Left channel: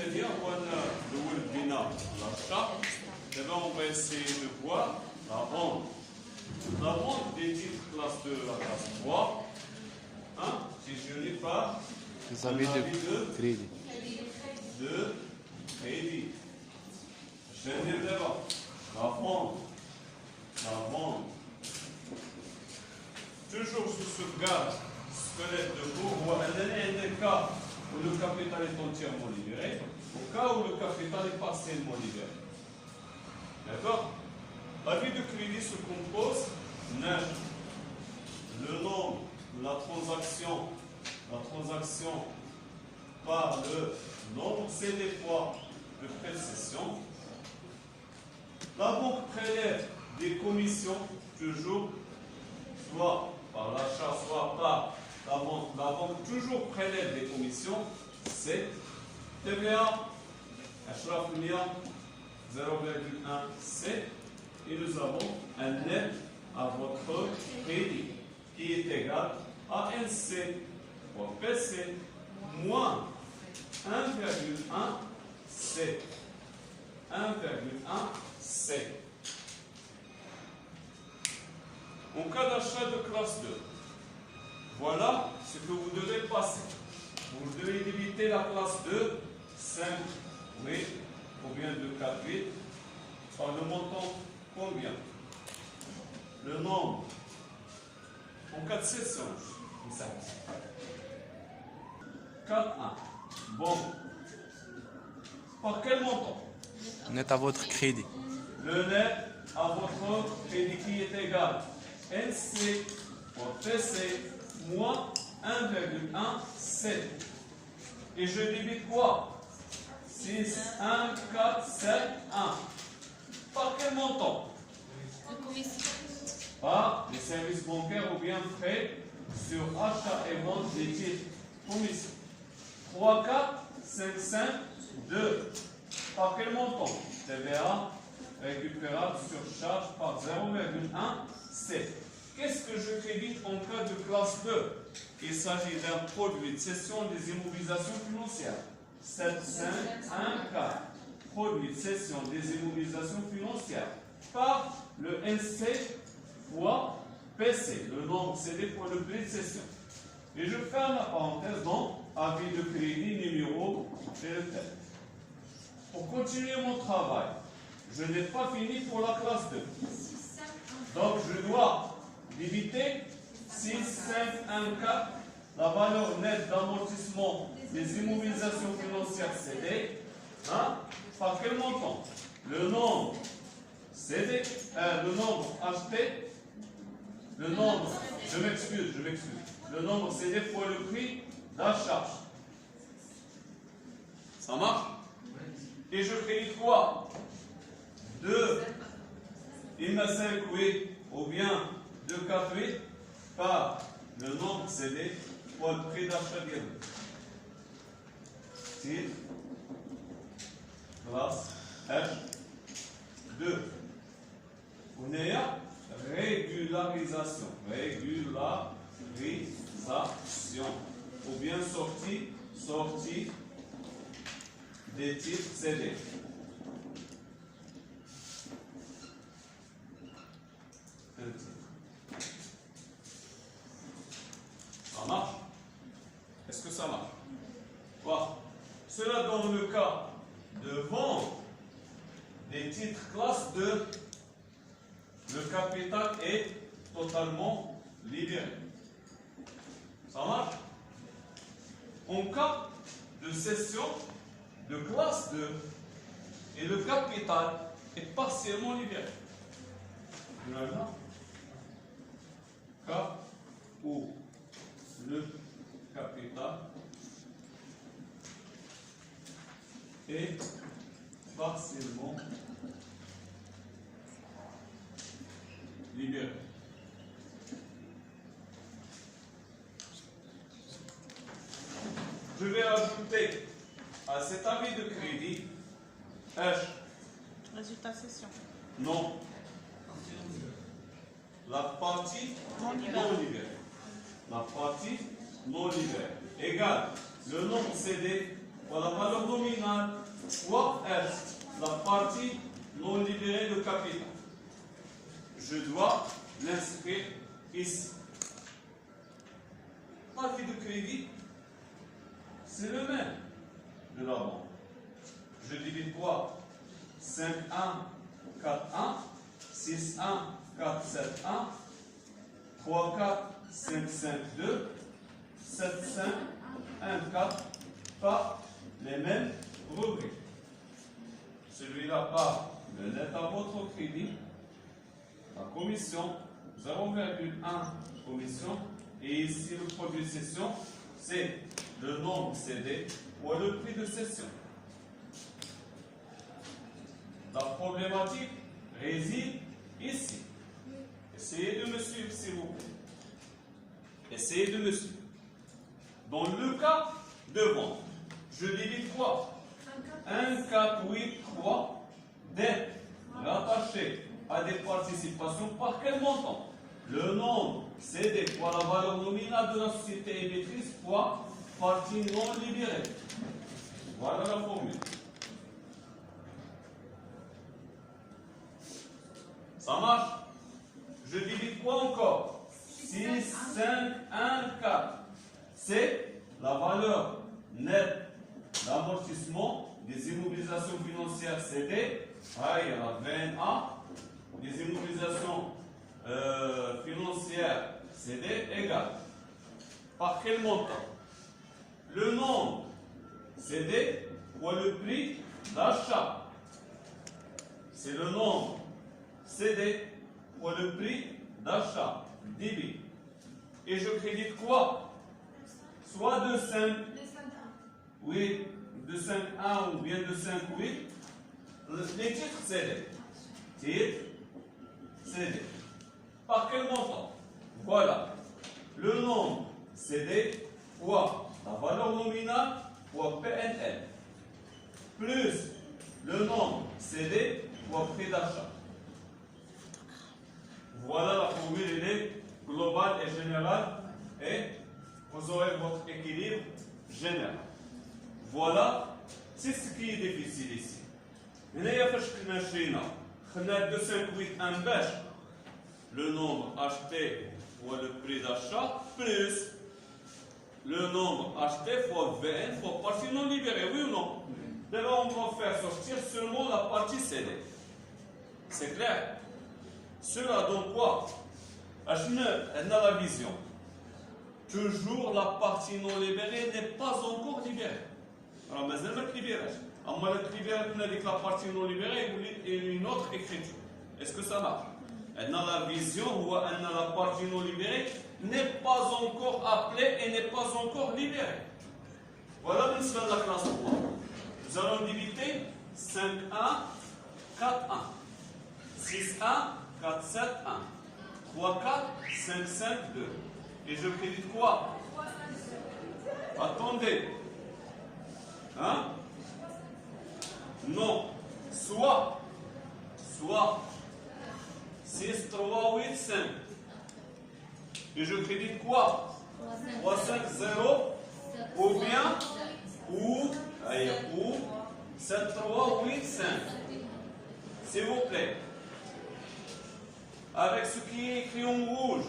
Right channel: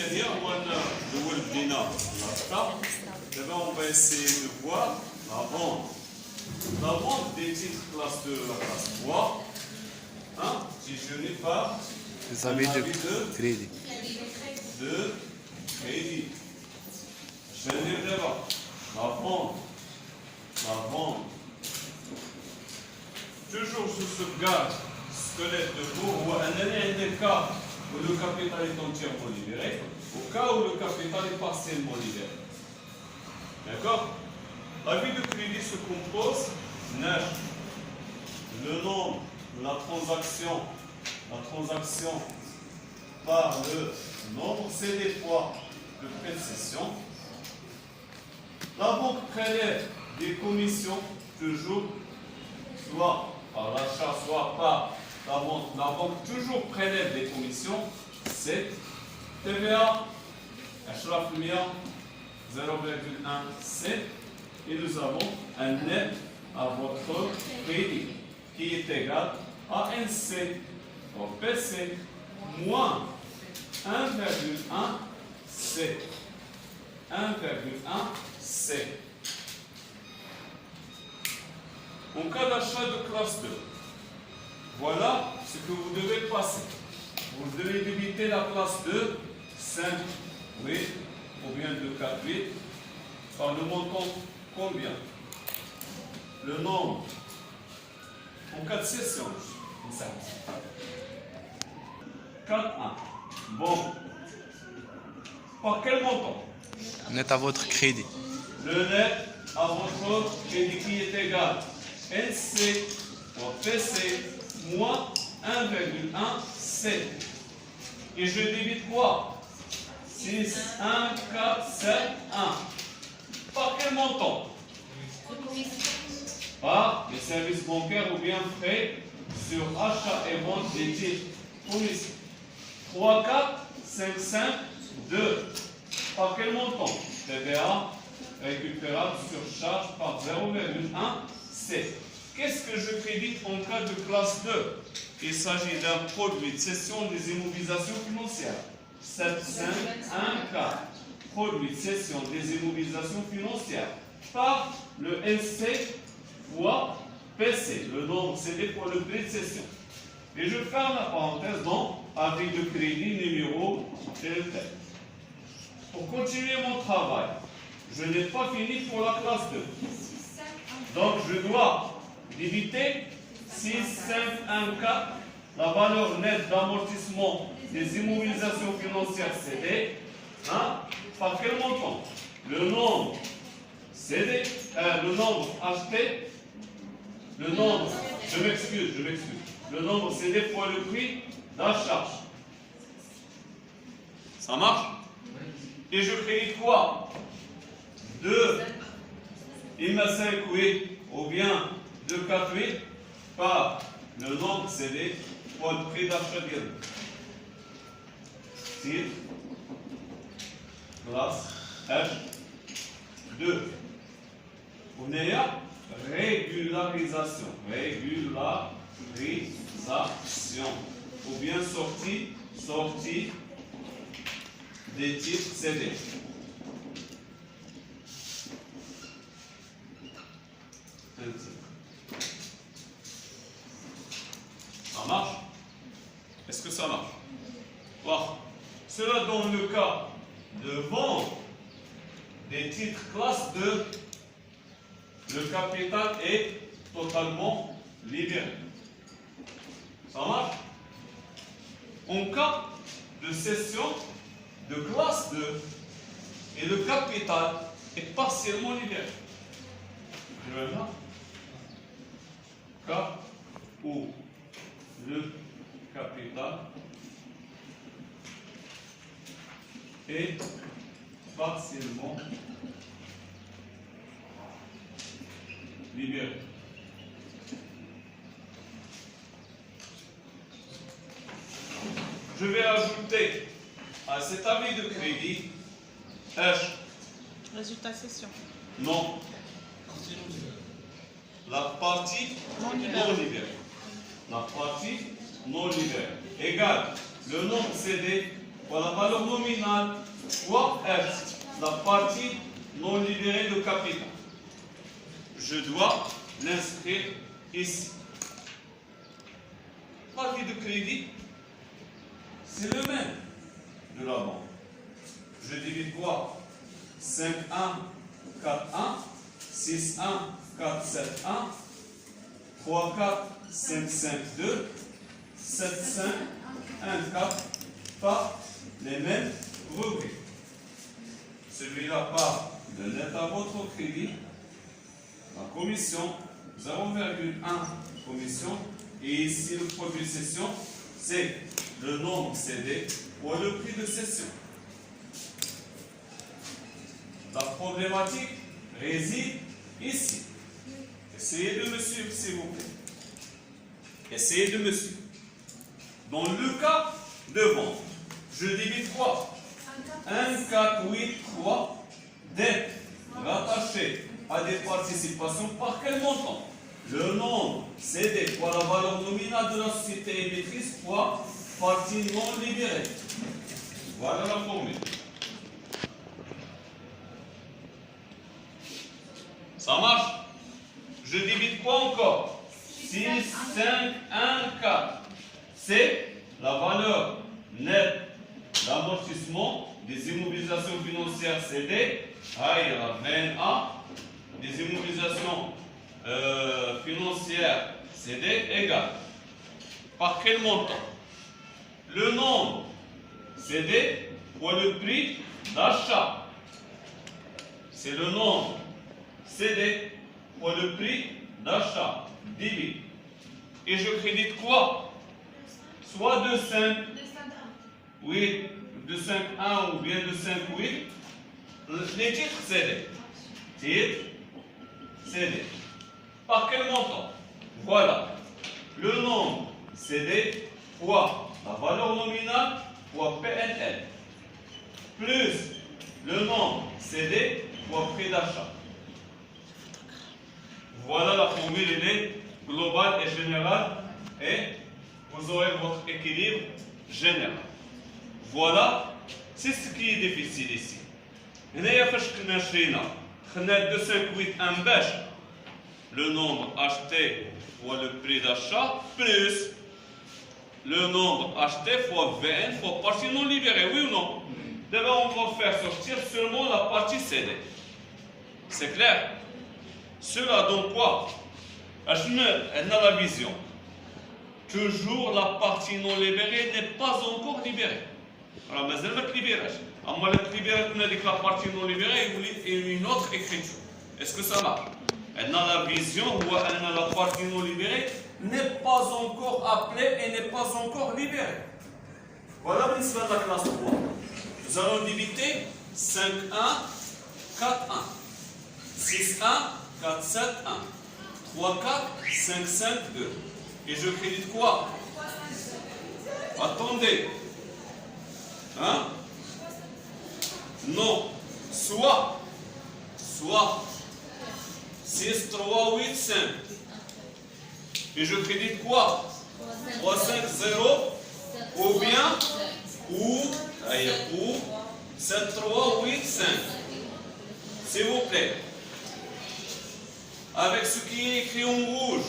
الثانية هو البناء الأخطاء. D'abord, on va essayer de voir la vente des titres classe 2 à la classe 3. Hein, si je n'ai pas Les avis de crédit. De crédit. Je vais dire d'abord la vente. Toujours sous ce gage squelette de cours, ou un des cas où le capital est entièrement libéré, au cas où le capital est partiellement libéré. D'accord? La vie de crédit se compose le nombre, la transaction par le nombre, c'est des fois de précession. La banque prélève des commissions toujours, soit par l'achat, soit par la vente. La banque toujours prélève des commissions. C'est TVA, Ashraf Mia, 0,1C. Et nous avons un net à votre crédit qui est égal à NC, ou PC, moins 1,1C. 1,1C. En cas d'achat de classe 2, voilà ce que vous devez passer. Vous devez débiter la classe 2, 5, 8, ou bien 2, 4, 8, par le montant combien? Le nombre. En cas de session, 4, 1. Bon. Par quel montant? Net à votre crédit. Le net à votre crédit qui est égal NC ou PC moins 1,1C. Et je débite quoi? 6, 1, 4, 7, 1. Par quel montant? Par les services bancaires ou bien frais sur achat et vente des titres. Commission. 3, 4, 5, 5, 2. Par quel montant? TVA récupérable sur charge par 0,1C. Qu'est-ce que je crédite en cas de classe 2? Il s'agit d'un produit de cession des immobilisations financières. 7, 5, 1, 4. Produit de cession des immobilisations financières par le NC fois PC. Le nombre CD fois le prix de cession. Et je ferme la parenthèse dans avis de crédit numéro tel. Pour continuer mon travail, je n'ai pas fini pour la classe 2. Donc je dois débiter 6, 5, 1, 4, la valeur nette d'amortissement des immobilisations financières CD. Hein? Par quel montant? Le nombre CD, le nombre acheté, le nombre, je m'excuse, le nombre CD fois le prix d'achat. Ça marche? Et je crédite quoi? 2, il m'a 5, 8, ou bien 2, 4, 8, par le nombre CD fois le prix d'achat direct. Titre, classe, H2. Vous venez à régularisation. Ou bien sortie des titres CD. Ça marche? Est-ce que ça marche? Bon. Cela dans le cas de vente des titres classe 2, le capital est totalement libéré. Ça marche? En cas de cession de classe 2 et le capital est partiellement libéré. Voilà. Cas où le capital est partiellement libéré. Je vais ajouter à cet avis de crédit H. Résultat session. Non. La partie non libérée. La partie non libérée égale le nombre CD fois la valeur nominale, fois F, la partie non libérée de capital. Je dois l'inscrire ici. Partie de crédit, c'est le même de la banque. Je divise quoi? 5, 1, 4, 1, 6, 1, 4, 7, 1, 3, 4, 5, 5, 2, 7, 5, 1, 4, par les mêmes revenus. Celui-là part de net à votre crédit, la commission, 0,1 commission, et ici le produit de cession, c'est le nombre cédé ou le prix de cession. La problématique réside ici. Essayez de me suivre, s'il vous plaît. Essayez de me suivre. Dans le cas de vente, je divise quoi? 1, 4, 8, 3, dettes rattachées à des participations par quel montant? Le nombre cédé fois la valeur nominale de la société émettrice fois partie non libérée. Voilà la formule. Ça marche? Je divise quoi encore? 6, 5, 1, 4. C'est la valeur nette d'amortissement des immobilisations financières cédées. Ah, il y a la VNA, des immobilisations financières cédées égale. Par quel montant? Le nombre cédé fois le prix d'achat. C'est le nombre cédé fois le prix d'achat. Divise. Et je crédite quoi? Soit de 5, 8, de 5, 1 ou bien de 5, 8. Les titres cédés. Titres cédés. Par quel montant? Voilà. Le nombre cédé fois la valeur nominale fois PNL. Plus le nombre cédé fois prix d'achat. Voilà la formule, elle est globale et générale. Et vous aurez votre équilibre général. Voilà, c'est ce qui est difficile ici. هنايا فاش كنا شرينا خدنا 258 باش le nombre acheté fois le prix d'achat plus le nombre acheté fois VN fois partie non libérée, oui ou non? D'abord on va faire sortir seulement la partie cédée. C'est clair? Cela donne quoi? On a la vision. Toujours la partie non libérée n'est pas encore libérée. Alors, mais elle va être libérée. Alors, la libérée, on a dit que la partie non libérée est une autre écriture. Est-ce que ça marche? On a la vision où on a la partie non libérée n'est pas encore appelée et n'est pas encore libérée. Voilà la classe 3. Nous allons diviser 5, 1, 4, 1. 6, 1, 4, 7, 1. 3, 4, 5, 5, 2. Et je crédite quoi? Attendez. Hein? Non. Soit 6, 3, 8, 5. Et je crédite quoi? 3, 5, 0. Ou bien, ou 7, 3, 8, 5. S'il vous plaît. Avec ce qui est écrit en rouge,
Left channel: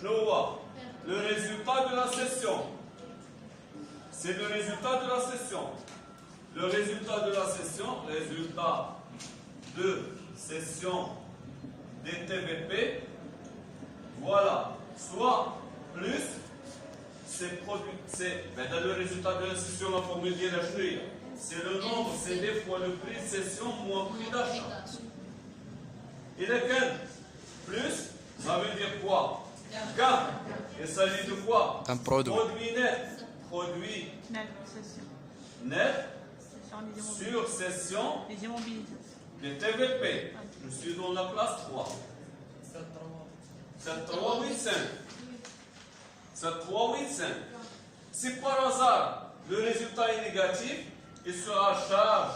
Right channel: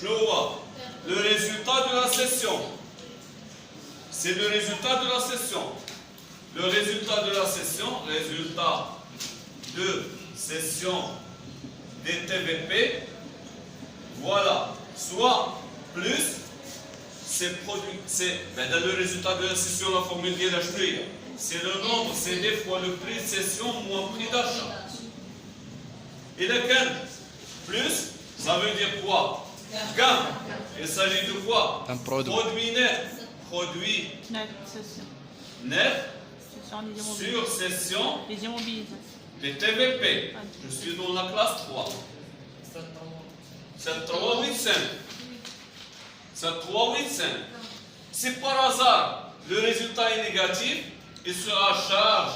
je le vois. Le résultat de la session. C'est le résultat de la session. Le résultat de la session, résultat de session des TVP, voilà. Soit plus, c'est produit, dans le résultat de la session, la formule de la chenille, c'est le nombre cédé fois le prix de session moins prix d'achat. Et lequel? Plus, ça veut dire quoi? Gain. Il s'agit de quoi? Un produit. Produit net. Produit Net, cession. net Cession des immobilisations. sur session Les immobilisations. des TVP. Je suis dans la classe 3. 7, 3, 8, 5. 7, 3, 8, 5. Si par hasard le résultat est négatif, il sera charge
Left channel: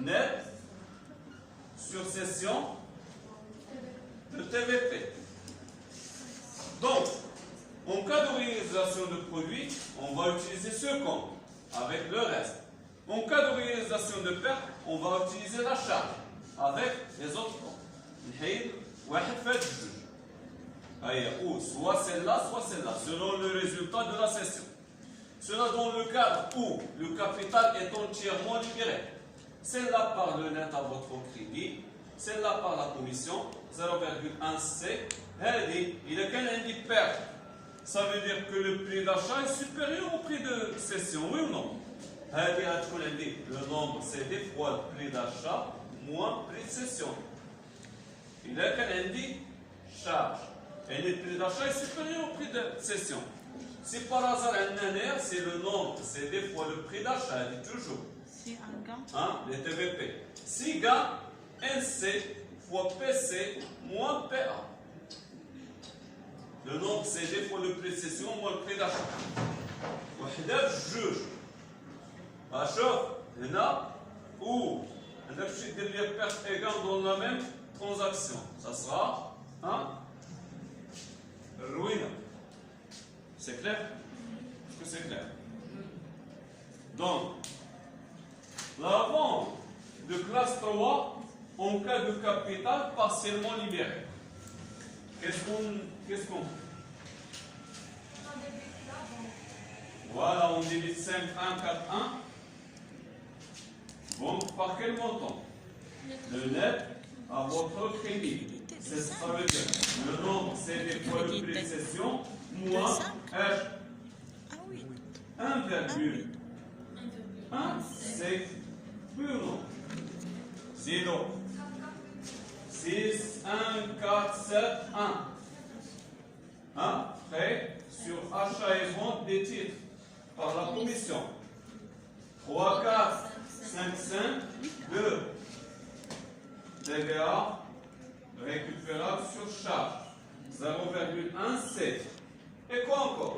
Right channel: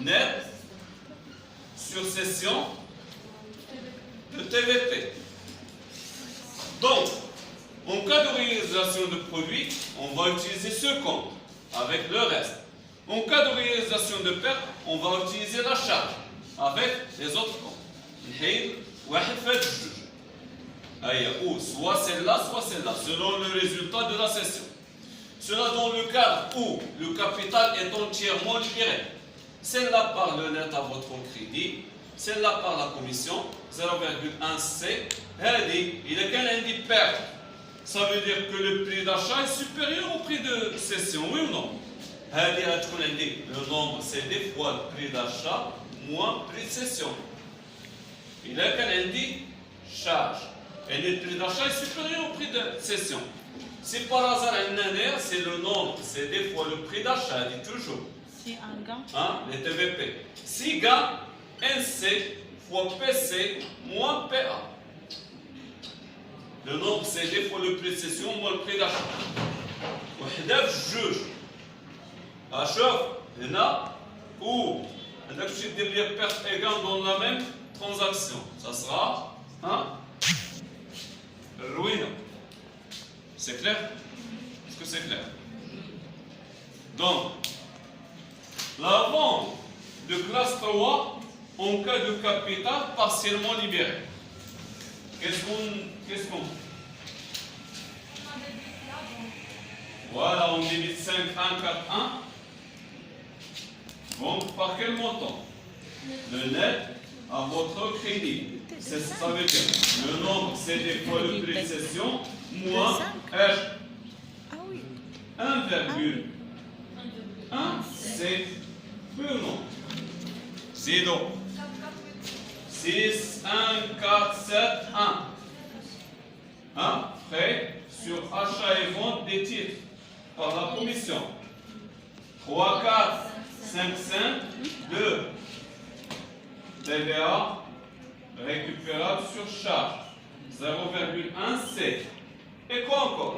nette sur session de TVP. Donc, en cas de réalisation de produit, on va utiliser ce compte. avec le reste. En cas de réalisation de perte, on va utiliser la charge avec les autres comptes. نحيد واحد في هاد الجوج. Ou soit celle-là, soit celle-là, selon le résultat de la session. Cela dans le cadre où le capital est entièrement libéré. Celle-là par le net à votre crédit, celle-là par la commission, 0,1C. Il est qu'un indice perte. Ça veut dire que le prix d'achat est supérieur au prix de cession, oui ou non? Le nombre CD fois le prix d'achat moins le prix de cession. Il est qu'un indice charge. Et le prix d'achat est supérieur au prix de cession. Si par hasard un année, c'est le nombre CD fois le prix d'achat, dit toujours. Si un gain. Hein, les TVP. Si gain, NC fois PC moins PA. Le nombre CD fois le prix de cession moins le prix d'achat. وحدة جوج. شوف هنا ou عندك شي دير لي perte et gain dans la même transaction. Ça sera ruine. C'est clair? Est-ce que c'est clair? Donc, la vente de classe 3 en cas de capital partiellement libéré. Qu'est-ce qu'on Voilà, on débite 5, 1, 4, 1. Donc, par quel montant? Le net à votre crédit. Ça veut dire le nombre, c'est des fois le prix de cession, moins H. Ah oui. 1,1, c'est oui ou non? C'est donc 6, 1, 4, 7, 1. Frais sur achat et vente des titres par la commission. 3, 4, 5, 5, 2. TVA récupérable sur charge. 0,1 C. Et quoi encore?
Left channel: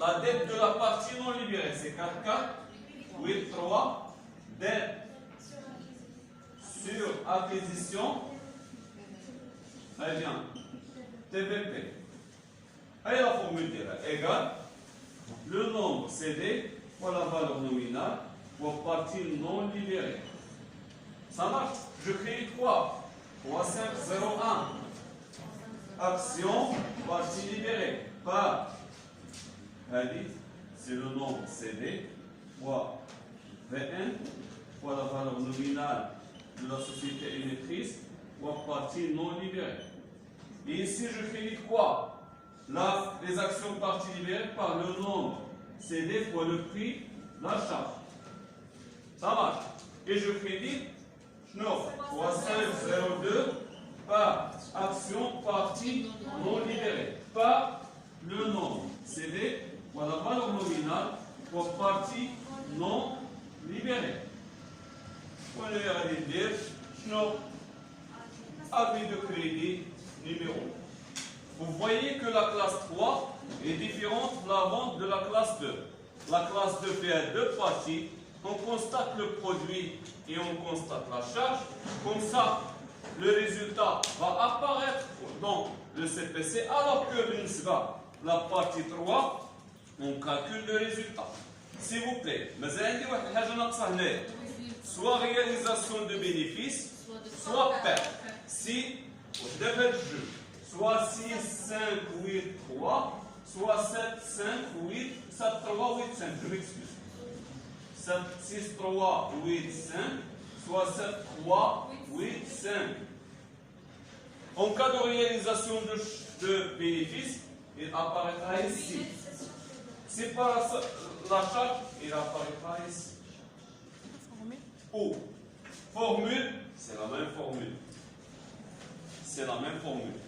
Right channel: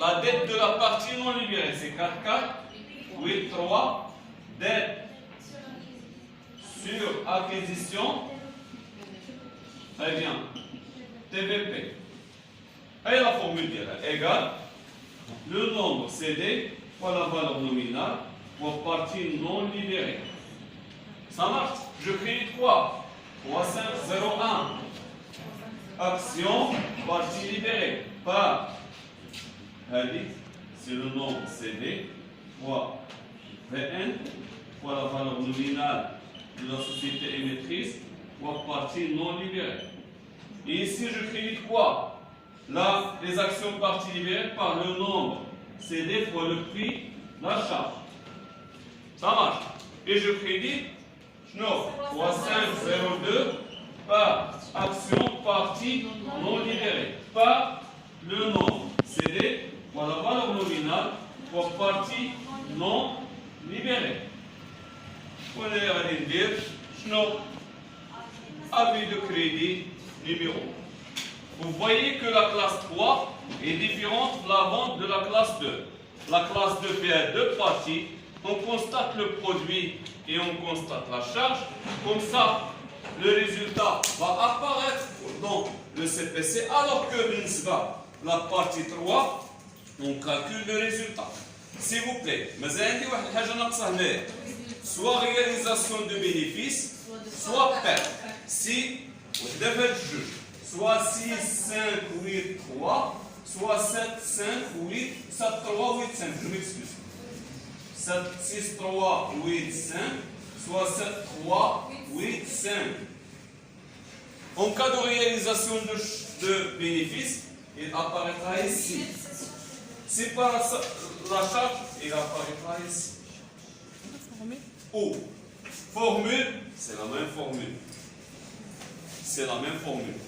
La dette de la partie non libérée, c'est 4, 4, 8, 3. Dette sur acquisition. Très bien. TVP. Et la formule égale le nombre CD fois la valeur nominale pour partie non libérée. Ça marche. Je crée 3. 3, 5, 0, 1. Action, partie libérée. Par. C'est le nombre CD fois VN fois la valeur nominale de la société émettrice fois partie non libérée. Et ici, je crée quoi? Là, les actions parties libérées par le nombre CD fois le prix d'achat. Ça marche. Et je crédite 3502 par action partie non libérée. Par le nombre CD fois la valeur nominale pour partie non libérée. Vous allez dire avis de crédit numéro. Vous voyez que la classe 3 est différente de la vente de la classe 2. La classe 2 fait deux parties. On constate le produit et on constate la charge. Comme ça, le résultat va apparaître dans le CPC, alors que la partie 3, on calcule le résultat. S'il vous plaît, soit réalisation de bénéfices, soit perte. Si vous devez juger, soit 6, 5, 8, 3, soit 7, 5, 8, 7, 3, 8, 5. Je m'excuse. 7, 6, 3, 8, 5, soit 7, 3, 8, 5. En cas de réalisation de bénéfices, il apparaîtra ici. Si par la charge, il apparaîtra ici. Ou, formule, c'est la même formule. C'est la même formule.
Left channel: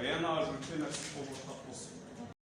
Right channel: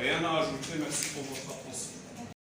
Rien à ajouter, merci pour votre attention.